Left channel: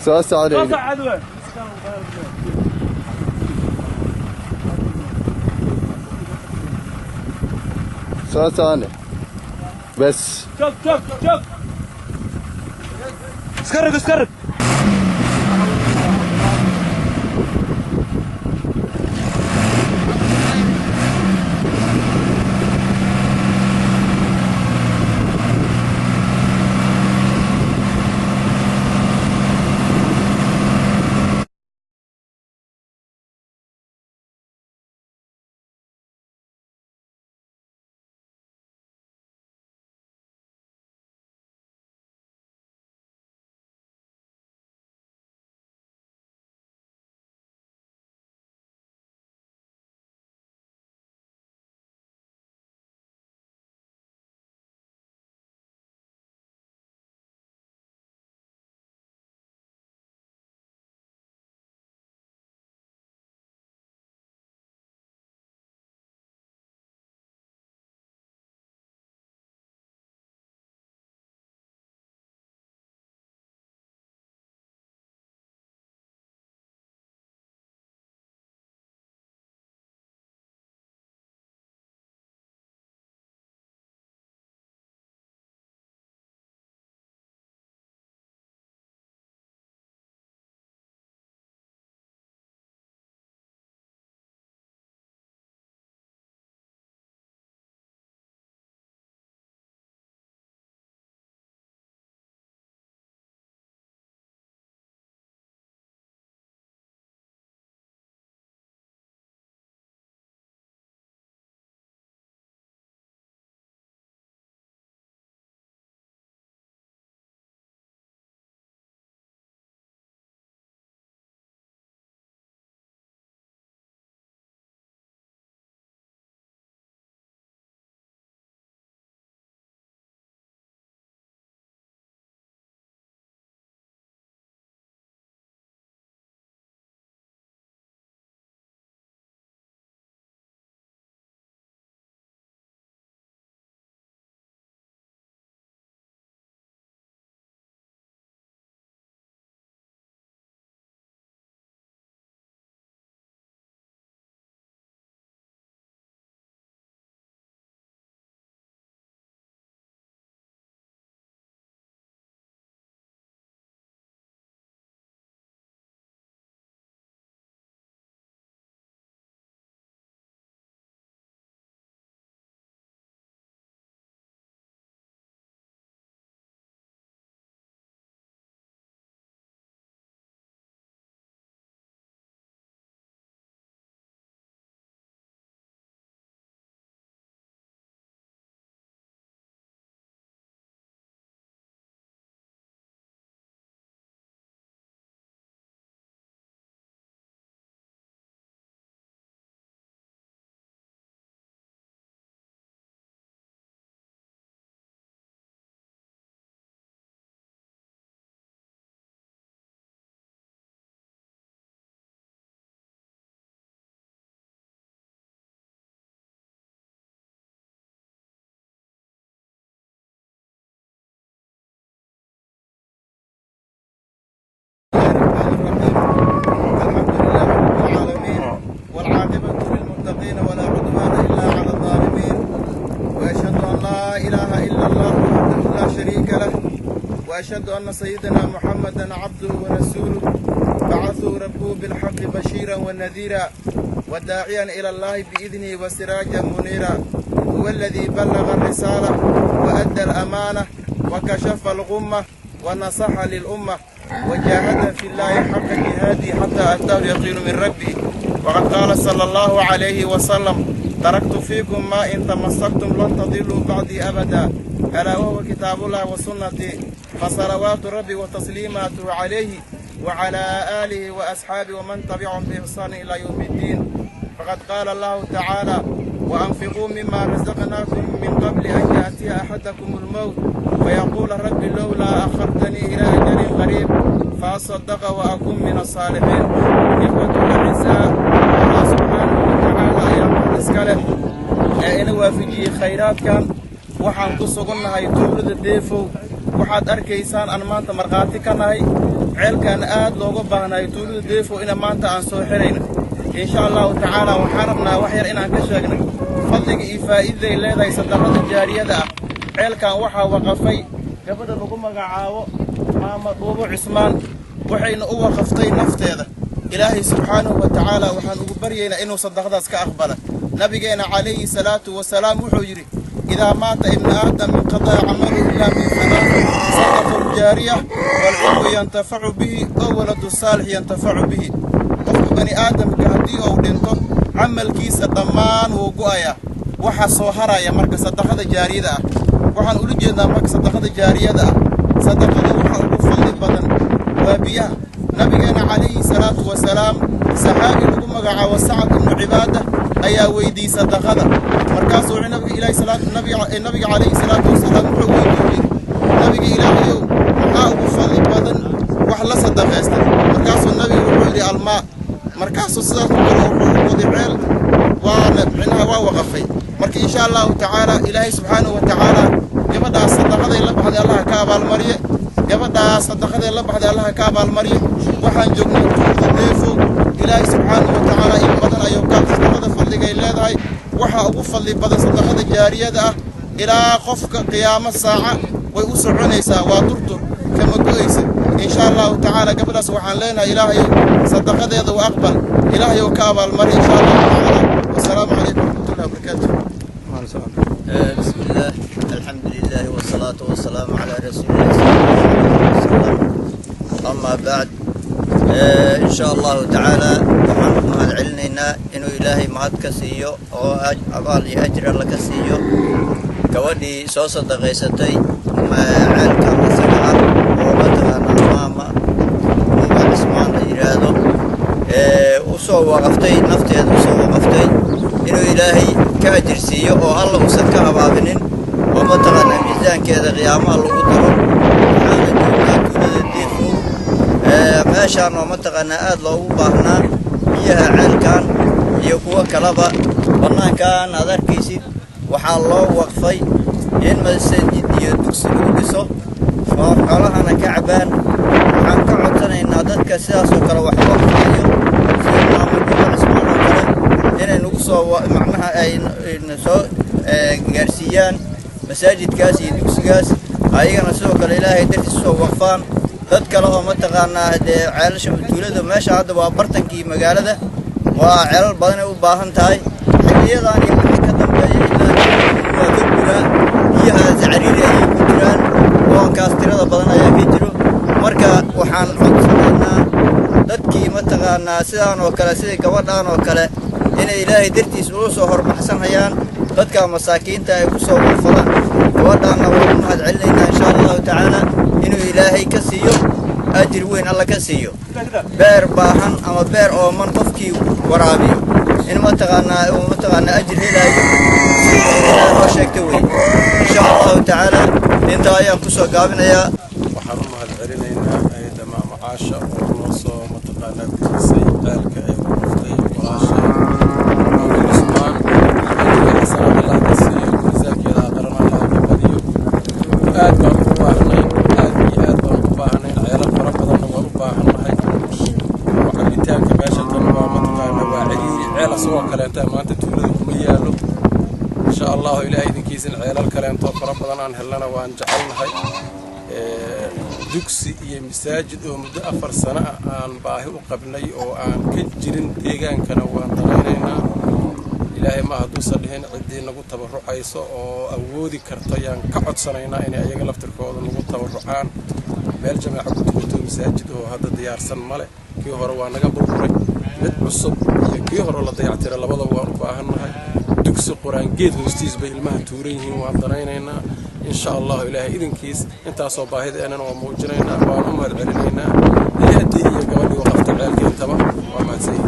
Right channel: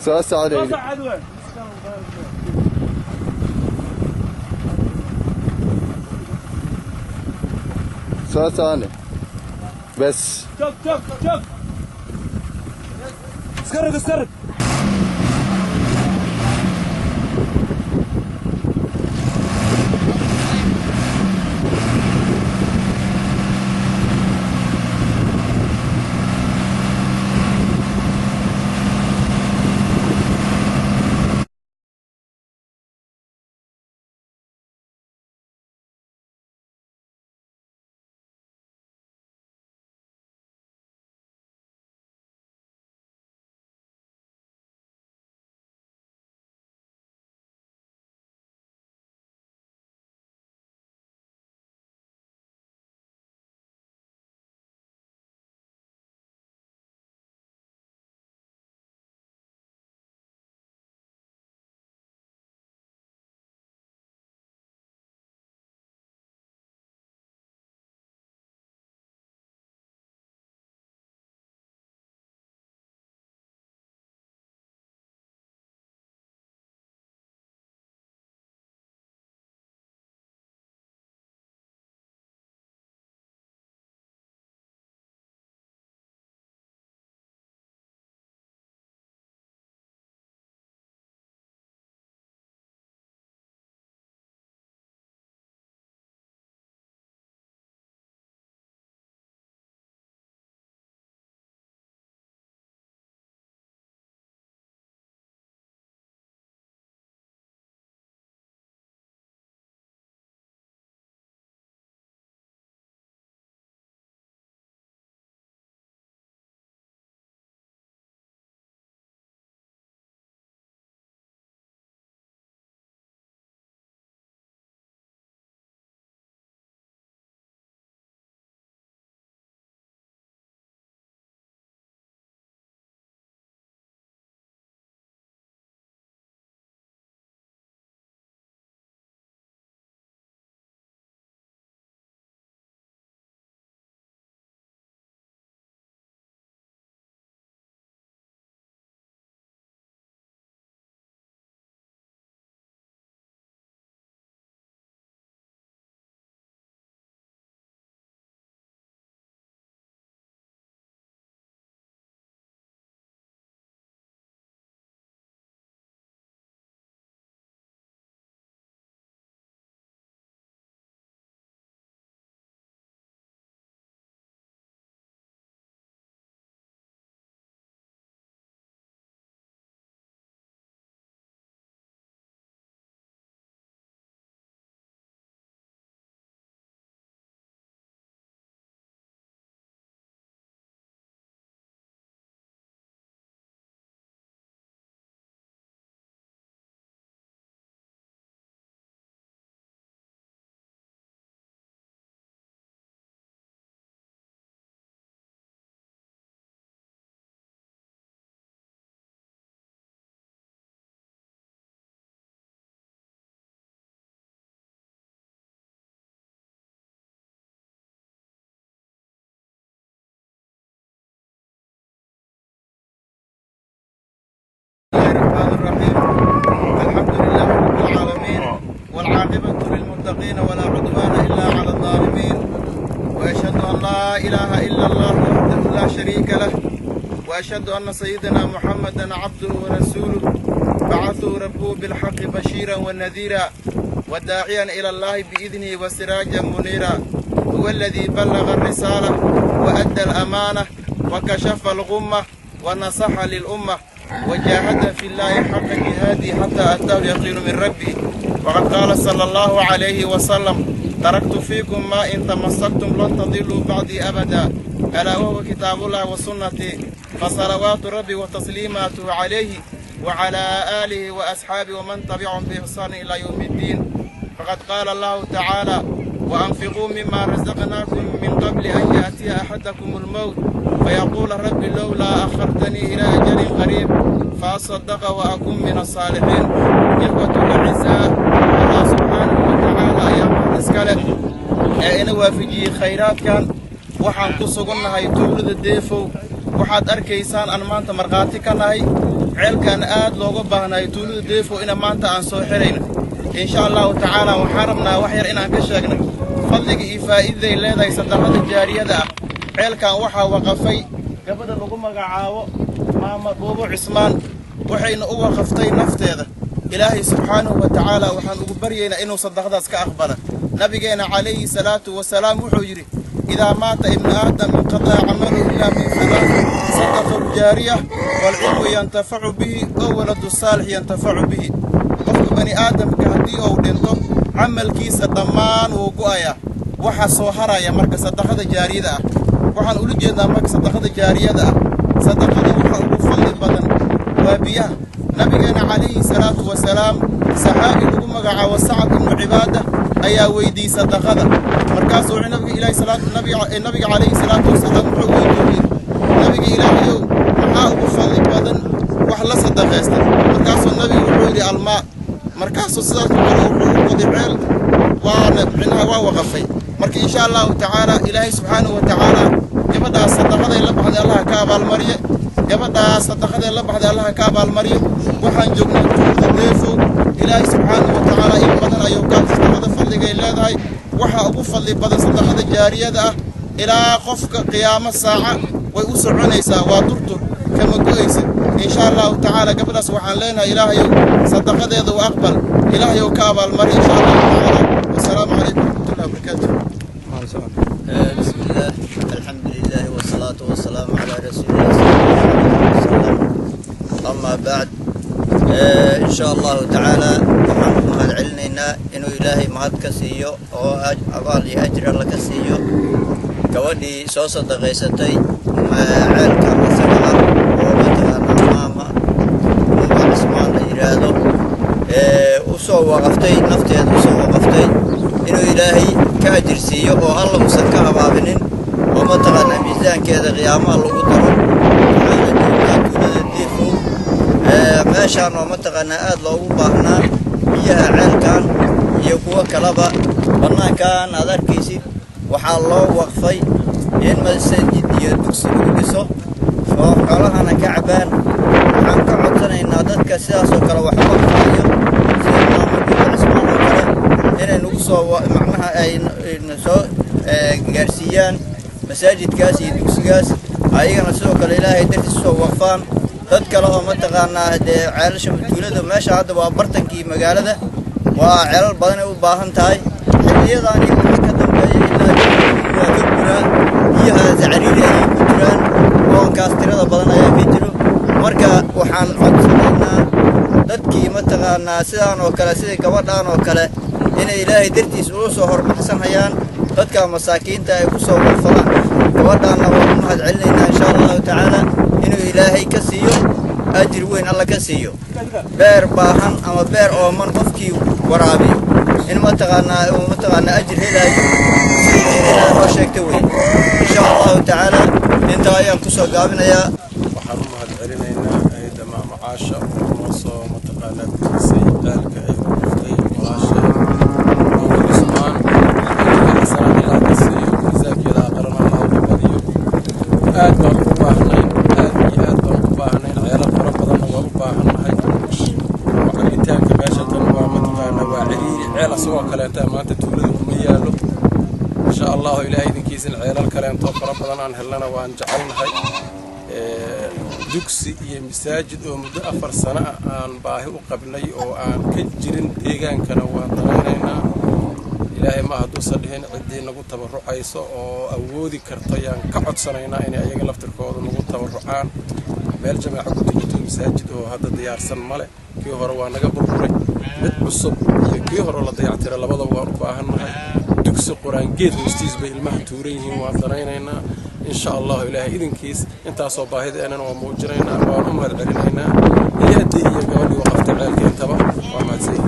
سؤال عليك سؤال ثاني بس شوف اسكرك للمتقين ولا عدوان إلا على الظالمين، وأشهد أن لا إله إلا الله وحده لا شريك له، وأشهد أن سيدنا محمدا عبده ورسوله بعثه ربه بالحق بشيرا ونذيرا وداعيا إلى الله بإذنه وسراجا منيرا. هو الذي بلغ الرسالة وأدى الأمانة وكشف الغمة ونصح للأمة وجاهد في الله حق جهاده حتى أتاه اليقين من ربه. وقد قال صلى الله عليه وسلم: تركت فيكم ما إن تمسكتم لن تضلوا بعدي أبدا، ألا وهو كتاب الله وسنتي، فصلوات ربي وتسليماته عليه وعلى آله وأصحابه ومن تبعهم بإحسان إلى يوم الدين. فقد قال الله تعالى: وأنفقوا مما رزقناكم من قبل أن يأتي أحدكم الموت فيقول رب لولا أخرتني إلى أجل قريب فأصدق وأكون من الصالحين. إخوة الأعزاء، الله سبحانه وتعالى يا مهدسكاله إن وافجي خيرات كان waxaan ku sugannahay tuulada Deefow waxaad arkaysaan aan maanta markhaati ka nahay ceelkan aad looga baahnayo tuulada deefo ina maanta aan soo xirayna insha allahu tacaala waxaan rabnaa wax yar inaan ka sheegno fadliga iyo faa'iidaday leedahay sadaqada jaariyada ah ceelkan waxaa waqafay gabadha lagu magacaabo maama dhuubo cismaan waxayna u waqaftay nafteeda ilaahay subxaanahu wa tacaala waxaan ugu baryaynaa inuu sadaqadaas ka aqbala nabigeena calayhi salaatu wasalaam wuxuu yidhi إذا مات ابن آدم انقطع عمله إلا من ثلاث صدقة جارية والعلم ينتفع به أو ولد الصالح ينتفع به قف بني آدم كهدي أو دينته عمل كيس ضمان وقايا وحا صوهرا يا مركز صدقة جارية ده وحن أقول جدا مركز صدقة جارية ده صدقة وحا وفضل بدن وبيا نبينا عليه الصلاة والسلام صحابي لكم مقع وسعد بن عبادة أيا ويدي صدقة مركزوا النبي إلى صلاة النبي عليه الصلاة والسلام وحوي النبي إلى يوم محاوب فضل بدن وحلا صدقة مركزوا النبي وحوي الماء مركزوا الصلاة وضعال وعنها ووقفي مركز إن شاء الله تعالى إلهي سبحانه وتعالى جبدا الصدقة إلا بعد الله كعب المريء جبدا الصدقة إلا بعد الله كعب المريء وحن جبنا ديفو إلهي سبحانه وتعالى إن بدن أيوكات صدقة فضل إلا ذاي waxa ugu fadli badan sadaqada jaariyada ah ilaa qofka qiyaamo saaca way u soconaysaa waa turtur kama go'aysa insha Allah ta'ala gabadhaas waxaan leenahay ilaahayow sadaqadeeda waa aqbal ilaahayow ka abaal mari insha Allah ta'ala wasalaamu alaykum wa rahmatullahi wa barakatuh bismillah alhamdulillah wassalatu wassalamu ala rasulillah sallallahu alaihi wasallam amma ba'd إن شاء الله تعالى وحنكم هذا علنا إنه إلهي مهد كسيو أو أبالي أجر الله كسيو كودي صوصة دغيستي ما عيل كان سبعة وبتغانا ماما وبعد اسمان ليرادو وصو وقفتي نفتي وصو وقفتي إنه إلهي كأجر سيو أو الله مسكها بابنين ومتغانا ميزان كذا قيامة الله قدره حانا جونا كونا ديفو meeshaan oo mataqaanaa aad loogu baahnaa biyaha ceelkan iyo kuwa kalaba bannaankan aad arkaysid waxaa loo waqfay in masjid iyo dugsi lagu dhiso oo xoolahana ka cabaan waxaan ka codsanaynaa dadka sidaas oo kale wax waqfayo sida maamulka cismaan oo kale inay nagu soo macnaha ay soo gaarsiiyaan masaajidkaas iyo dugsigaas ayagana sidoo kale ilaahay dartiisa soo waqfaan dad kale oo mataqaanaa ceelasha tuulada meesha hadda waa bartankii magaalada waa ceelal badan ay u baahan tahay xilliyadan iyo wixii ka dambeeyay ilaa waa ka guraa biyaha cariiri ay ku jiraan oonkaas tirada badan ayaa ka jiro marka waxaan codsanaynaa dadkii mataqaanaa sidaan oo kale sida gabadhaan oo kale inay ilaahay dartiisa u soo hormaxsanayaan dadka masaakiinta ay ku soo waqfadaan gabadhaanna waa u mahad celinaynaa insha Allah ta'ala inuu ilaahay ka siiyo ajir weyn alla ka siiyo beer baahan ama beer oo man qofkii waraabiyo in mataqaanaa ajir helayo sida oo sheegtay weyn insha Allah ta'ala inta ayaan ku soo gaabinayaa waxaan u mahad celinaynaa ayda macaasha oo noo soo mataqaanaa bixisay ceelka ay waqftay walaashay Usmaan salaam Allah ka siiyo miisaankeeda aqran Allah u badiyo aad baan u baahnay aad baan u baahnay ceelal fara badan waan u baahanahay wacabitaanka meesha tan waa mataqaanaa waa ciriiri ceel asoo kaleenta maanta tuulada kuma yaalo insha Allah ilaahay idinkiisa ceelal kaleento fara badan aan helana waan jecelnahay dugsi iyo masaajid oo muddo 4 sano aan baahi u qabnay oo aan ka jirin deegaankana waan danaynaynaa ilaahay ma hadduu sadhihin cidii nagu tabarucayso oo awoodi karto yaan ka codsanaynaa inay ayaga laftirkooda nagu tabarucaan meel jamaaca ku tukato masaajid oo hadda diyaarsan male kii hore waa naga burburay mid cusub iyo kii hore la dayactiray labadaba waan u baahannahay dugsi quraan geed hoostiis bay ilmaha tuuran yihiin waan danaynaynaa insha Allah ilaahay idinkiis intaasoo baahida waa muujinaynaa waan u mahad celinaynaa hay'adii iyo gabadhii waqafta ceelka intaba waa mahadsan